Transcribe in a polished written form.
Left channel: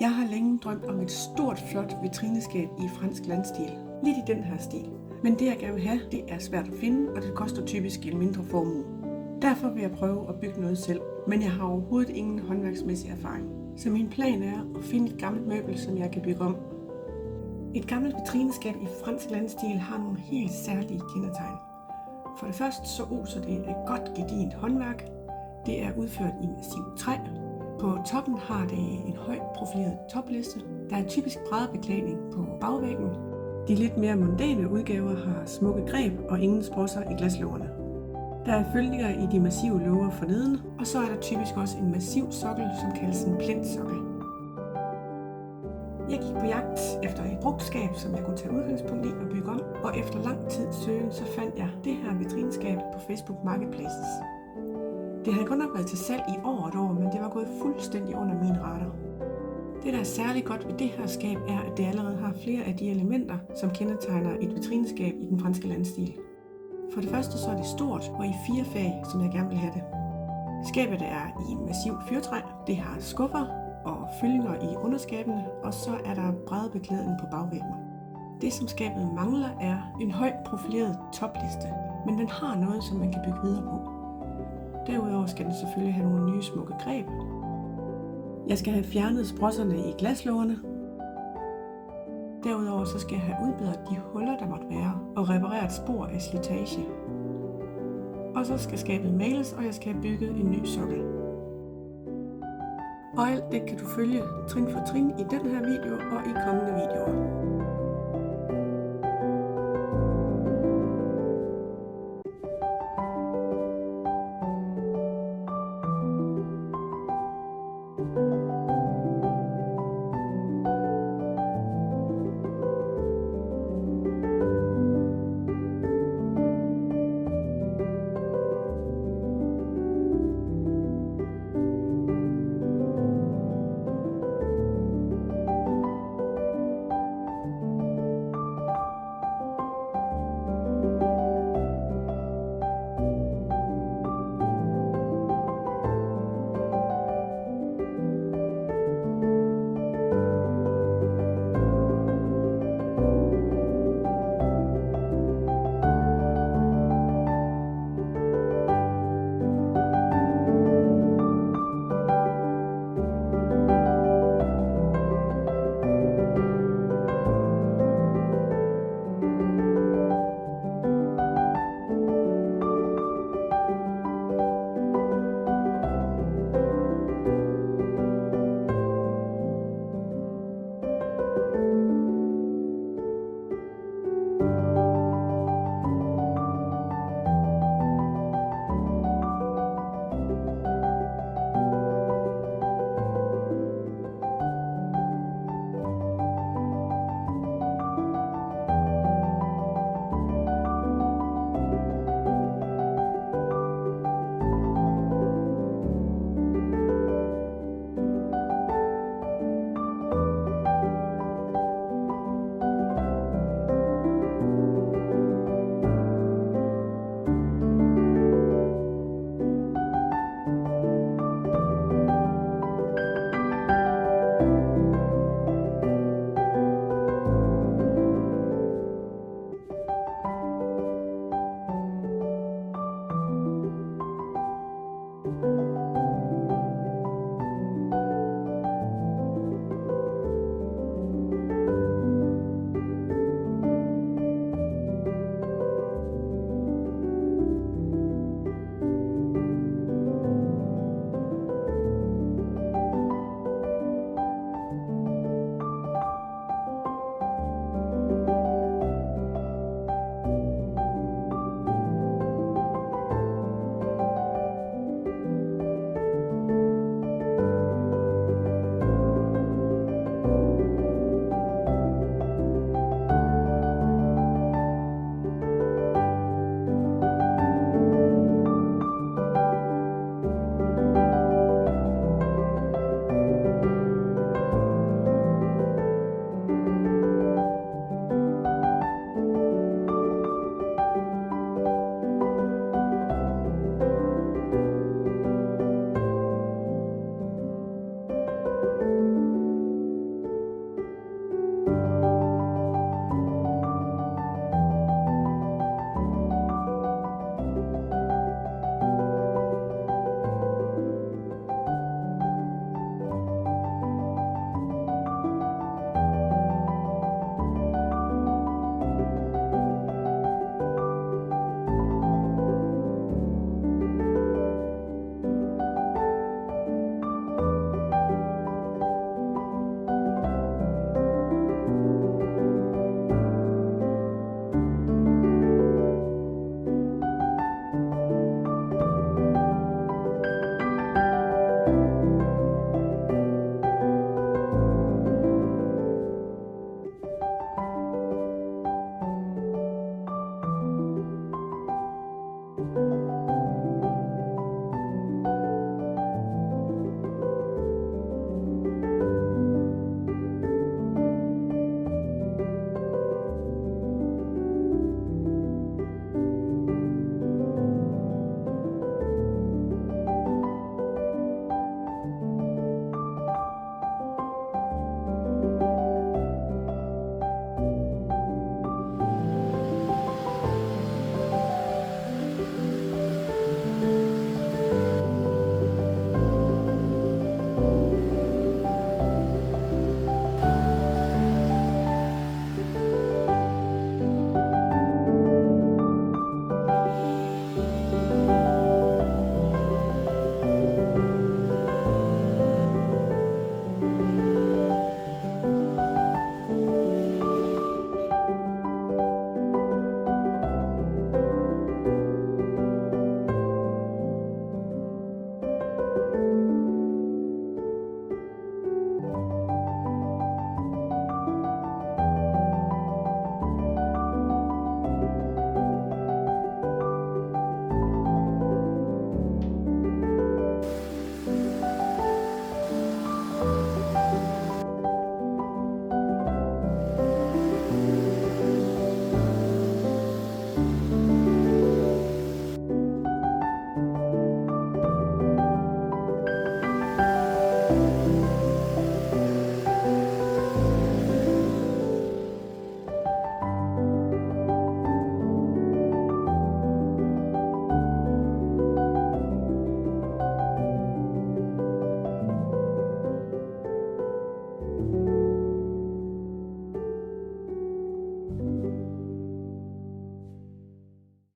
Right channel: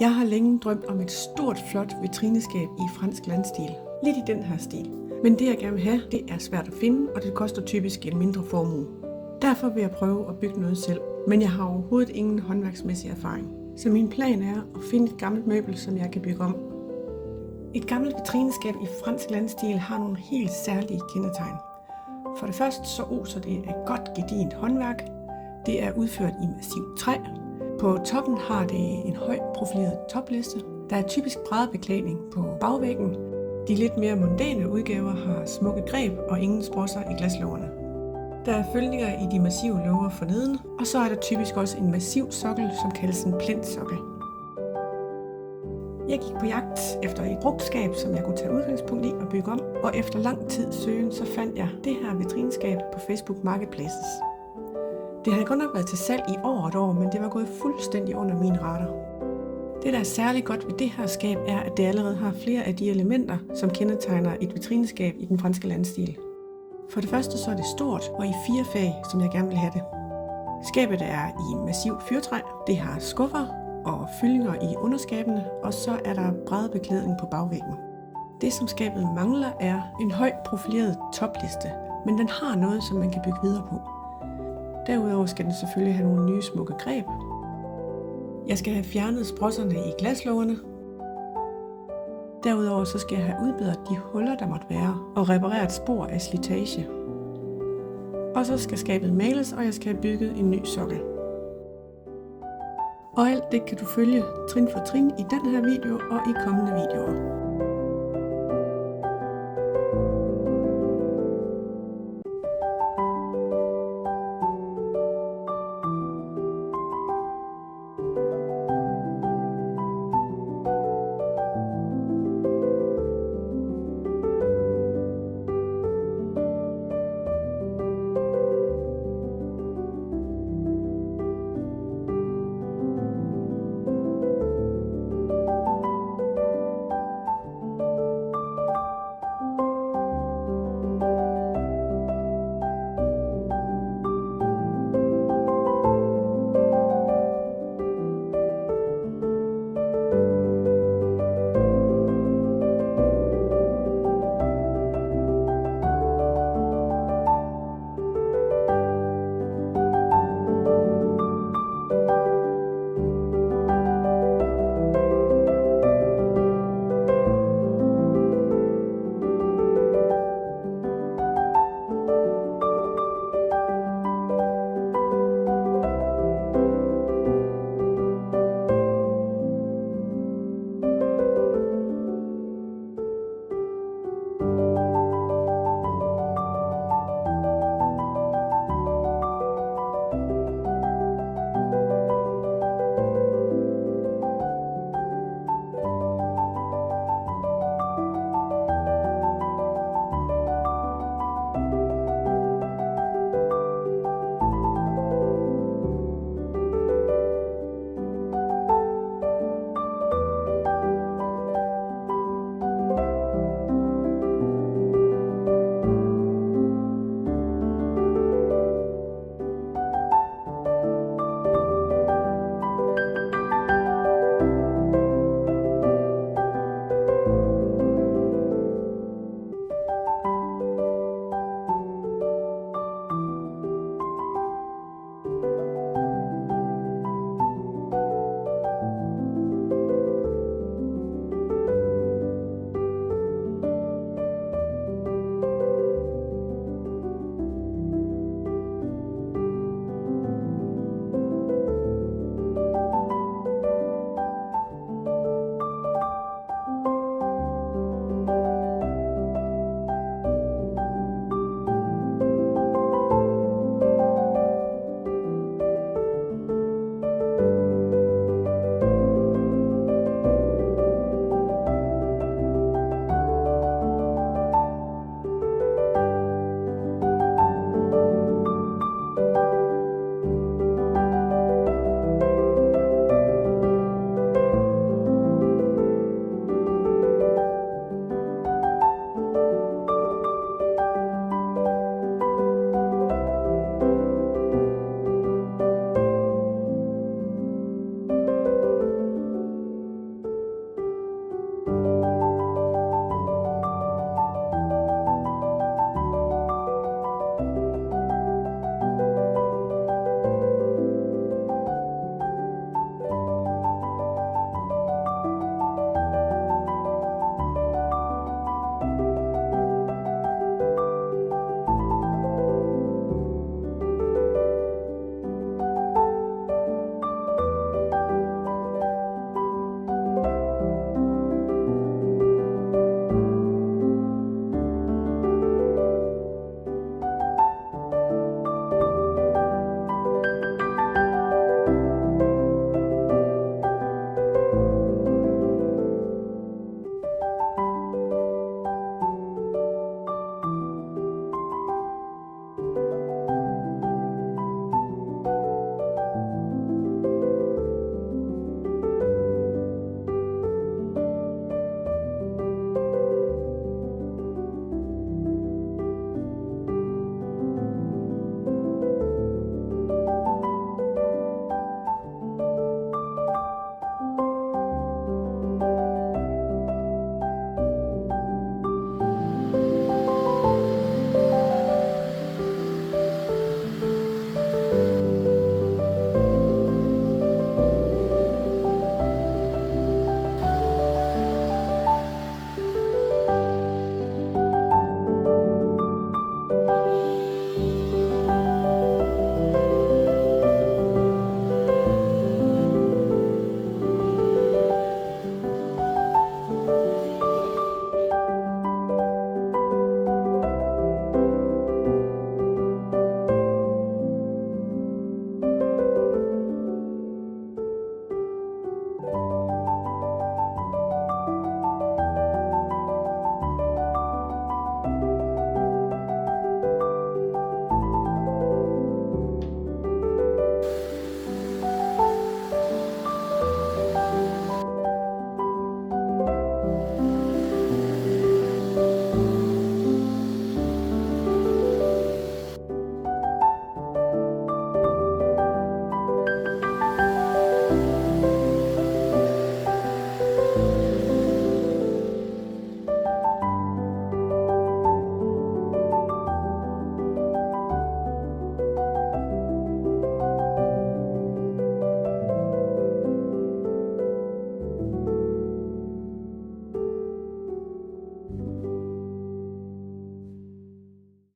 Jeg har længe drømt om et stort, flot vitrineskab i fransk landstil. Lidt i den her stil. Men det jeg gerne vil have, det er svært at finde, og det koster typisk en mindre formue. Derfor vil jeg prøve at bygge noget selv, men jeg har overhovedet ingen håndværksmæssig erfaring. Så min plan er at finde et gammelt møbel, som jeg kan bygge om. Et gammelt vitrineskab i fransk landstil har nogle helt særlige kendetegn. For det første så oser det af godt gedigent håndværk. Det er udført i massivt træ. På toppen har det en højt profileret topliste. Der er typisk bræddebeklædning på bagvæggen. De lidt mere mondæne udgaver har smukke greb og ingen sprosser i glaslågerne. Der er følninger i de massive låger forneden, og så er der typisk også en massiv sokkel, som kaldes en plintsokkel. Jeg gik på jagt efter et brugtskab, som jeg kunne tage udgangspunkt i og bygge om, og efter lang tid søgen, så fandt jeg det her vitrineskab på Facebook Marketplaces. Det havde godt nok været til salg i over et år, men det var gået fuldstændig under mine radar. Det, der er særligt godt ved det her skab, er, at det allerede har flere af de elementer, som kendetegner et vitrineskab i den franske landstil. For det første så er det stort og i 4 fag, som jeg gerne vil have det. Skabet er i massiv fyrtræ, det har skuffer og fyldinger i underskabene, og så er der bræddebeklædning på bagvæggen. Det, som skabet mangler, er en højt profileret topliste, men den har noget, som man kan bygge videre på. Derudover skal den selvfølgelig have nogle nye smukke greb. Jeg skal have fjernet sprosserne i glaslågerne. Derudover så skal jeg have udbedret de huller, der måtte være, og repareret spor af slitage. Og så skal skabet males, og jeg skal have bygget en ny sokkel. Og alt det kan du følge trin for trin i den her video og i kommende videoer.